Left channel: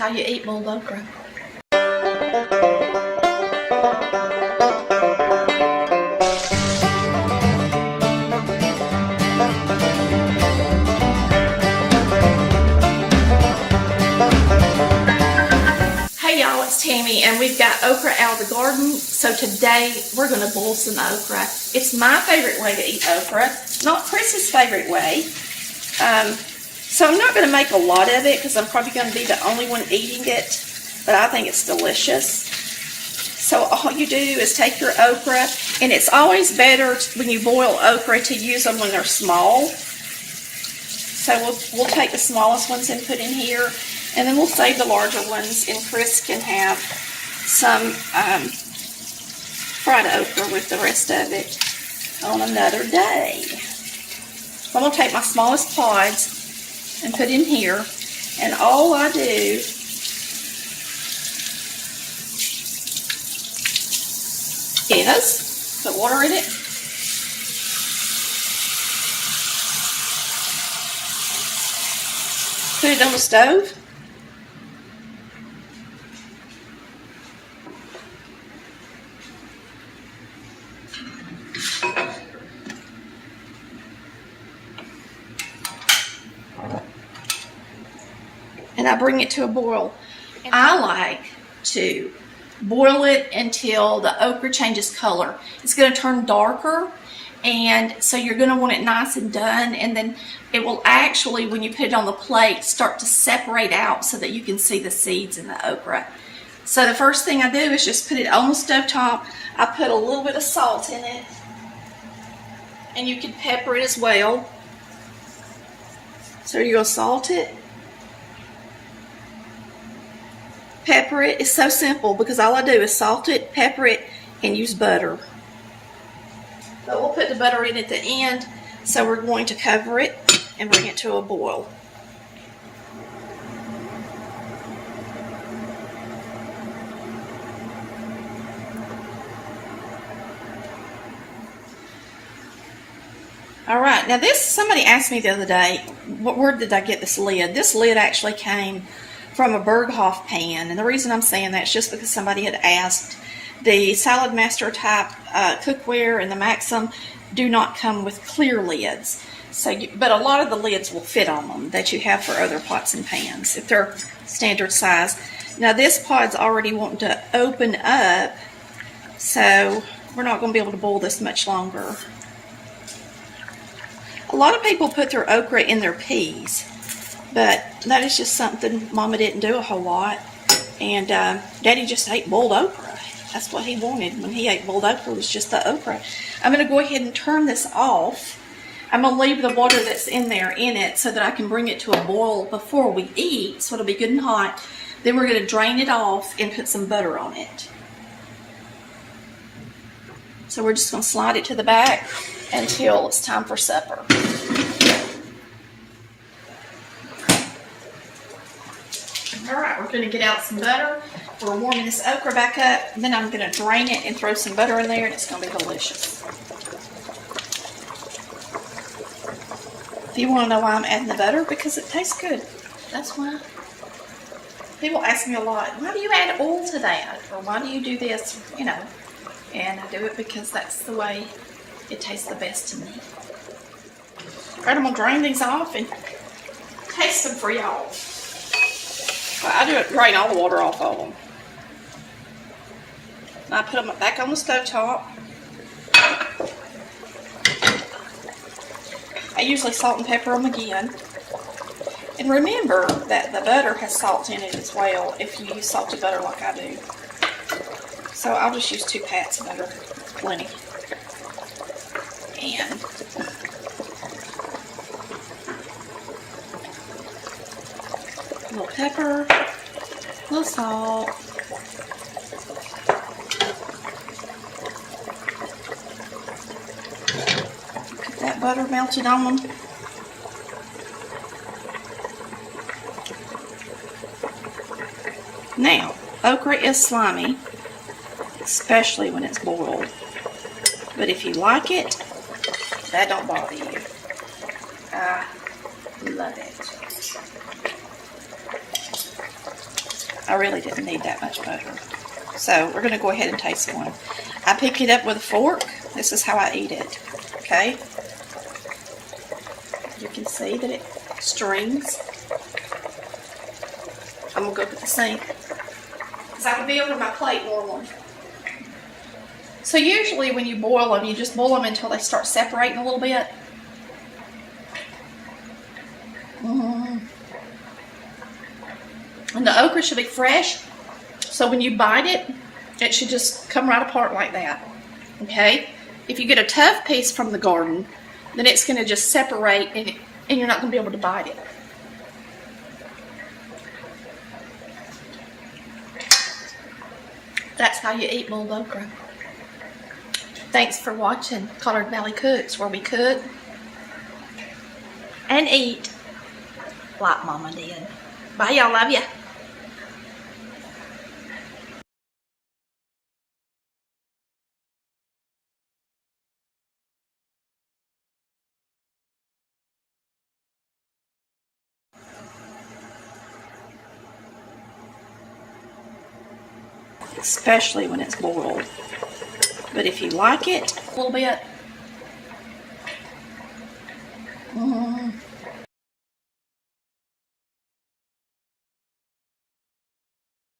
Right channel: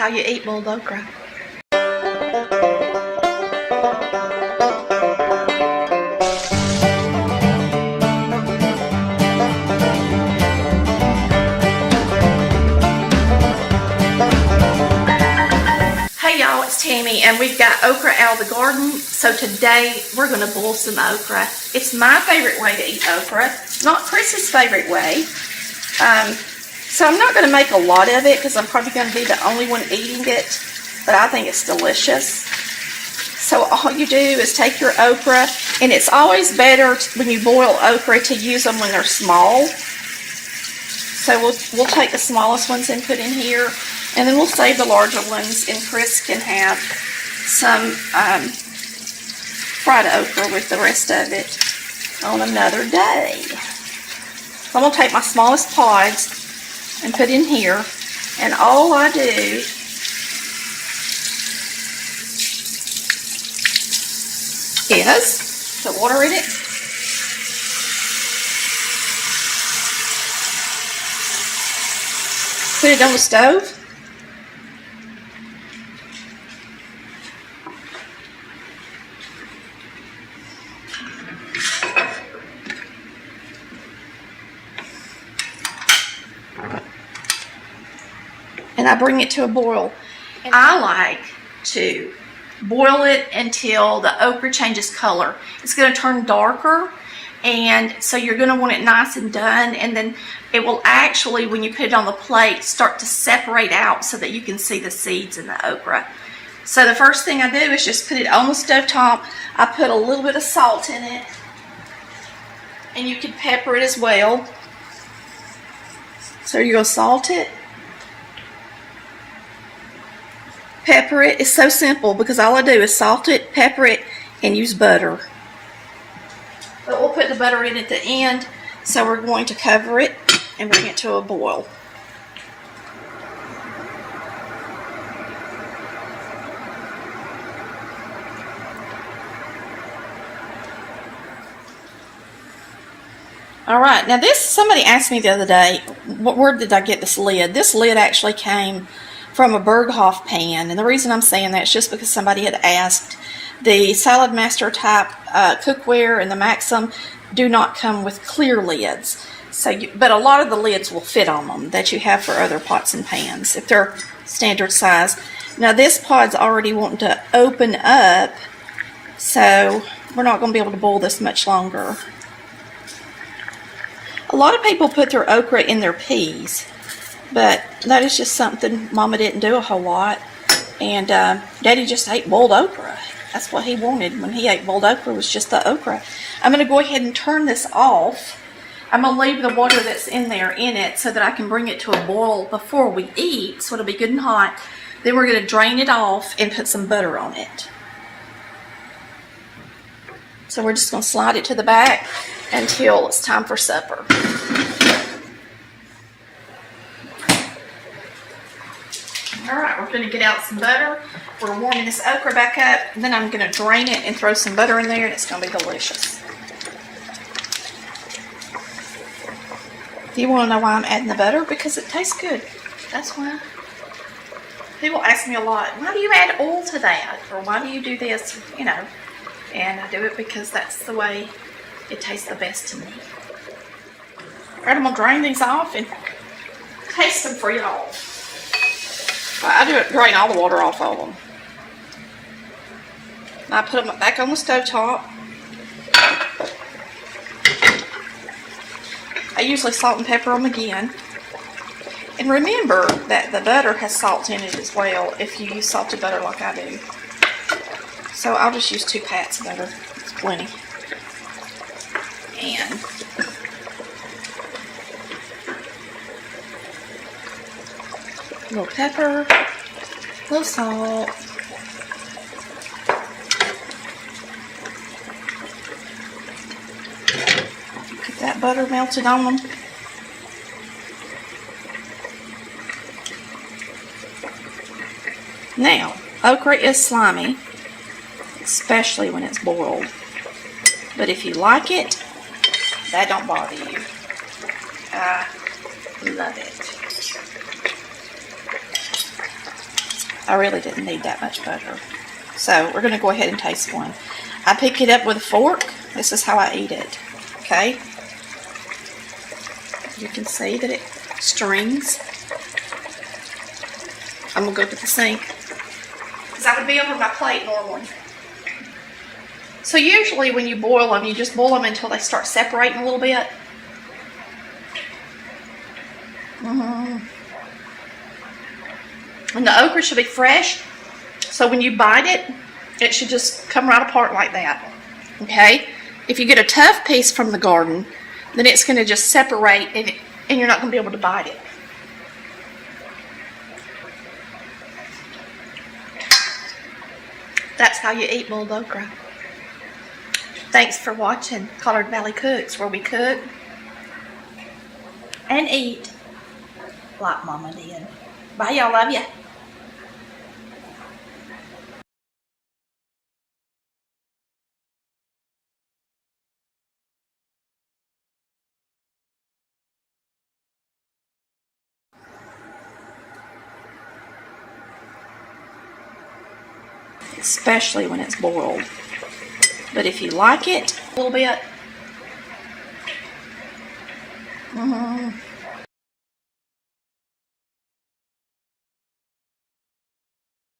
how you eat boiled okra. Hey y'all, it's Tammy, and we've got okra out of the garden. So today we're going to boil some okra. It's my favorite way to eat okra, not Chris's favorite way. So I'm not going to make a lot of it because I'm probably going to be the only one eating it, but I think it's delicious. So all you do is take your okra, and it's always better when you boil okra to use them when they're small. So we'll take the smallest ones and put in here, and then we'll save the larger ones, and Chris can have some fried okra with the rest of it on another day. So I'm going to take my smallest pods and put in here, and all I do is put water in it, put it on the stove, and I bring it to a boil. I like to boil it until the okra changes color. It's going to turn darker, and so you're going to want it nice and done, and then it will actually, when you put it on the plate, start to separate out so that you can see the seeds in the okra. So the first thing I do is just put it on the stove top. I put a little bit of salt in it, and you can pepper it as well. So you're going to salt it, pepper it. It's so simple because all I do is salt it, pepper it, and use butter. But we'll put the butter in at the end, so we're going to cover it and bring it to a boil. All right, now this, somebody asked me the other day, where did I get this lid? This lid actually came from a Berghoff pan, and the reason I'm saying that is just because somebody had asked. The Salad Master type cookware and the Maxim do not come with clear lids, but a lot of the lids will fit on them that you have for other pots and pans if they're standard size. Now this pod's already wanting to open up, so we're not going to be able to boil this much longer. A lot of people put their okra in their peas, but that is just something Mama didn't do a whole lot, and Daddy just ate boiled okra. That's what he wanted when he ate boiled okra, was just the okra. I'm going to go ahead and turn this off. I'm going to leave the water that's in there in it so that I can bring it to a boil before we eat, so it'll be good and hot. Then we're going to drain it off and put some butter on it. So we're just going to slide it to the back until it's time for supper. Alright, we're going to get out some butter. We're warming this okra back up, and then I'm going to drain it and throw some butter in there, and it's going to be delicious. If you want to know why I'm adding the butter, because it tastes good. That's why. People ask me a lot, why do you add oil to that? Or why do you do this? You know, and I do it because that's the way it tastes the best to me. Alright, I'm going to drain these off and taste them for y'all. I do it, drain all the water off of them. I put them back on the stove top. I usually salt and pepper them again. And remember that the butter has salt in it as well if you use salted butter like I do. So I'll just use 2 pats of butter. It's plenty. And a little pepper, a little salt, get that butter melted on them. Now, okra is slimy, especially when it's boiled. But if you like it, that don't bother you. I love it. I really didn't need that much butter. So we're going to go ahead and taste one. I pick it up with a fork. This is how I eat it. Okay? You can see that it strings. I'm going to go to the sink, because I would be over my plate normally. So usually when you boil them, you just boil them until they start separating a little bit. And the okra should be fresh, so when you bite it, it should just come right apart like that. Okay? If you get a tough piece from the garden, then it's going to just separate, and you're not going to be able to bite it. That's how you eat boiled okra. Thanks for watching Collard Valley Cooks, where we cook and eat like Mama did. Bye, y'all. Love ya. Especially when it's boiled. But if you like it a little bit,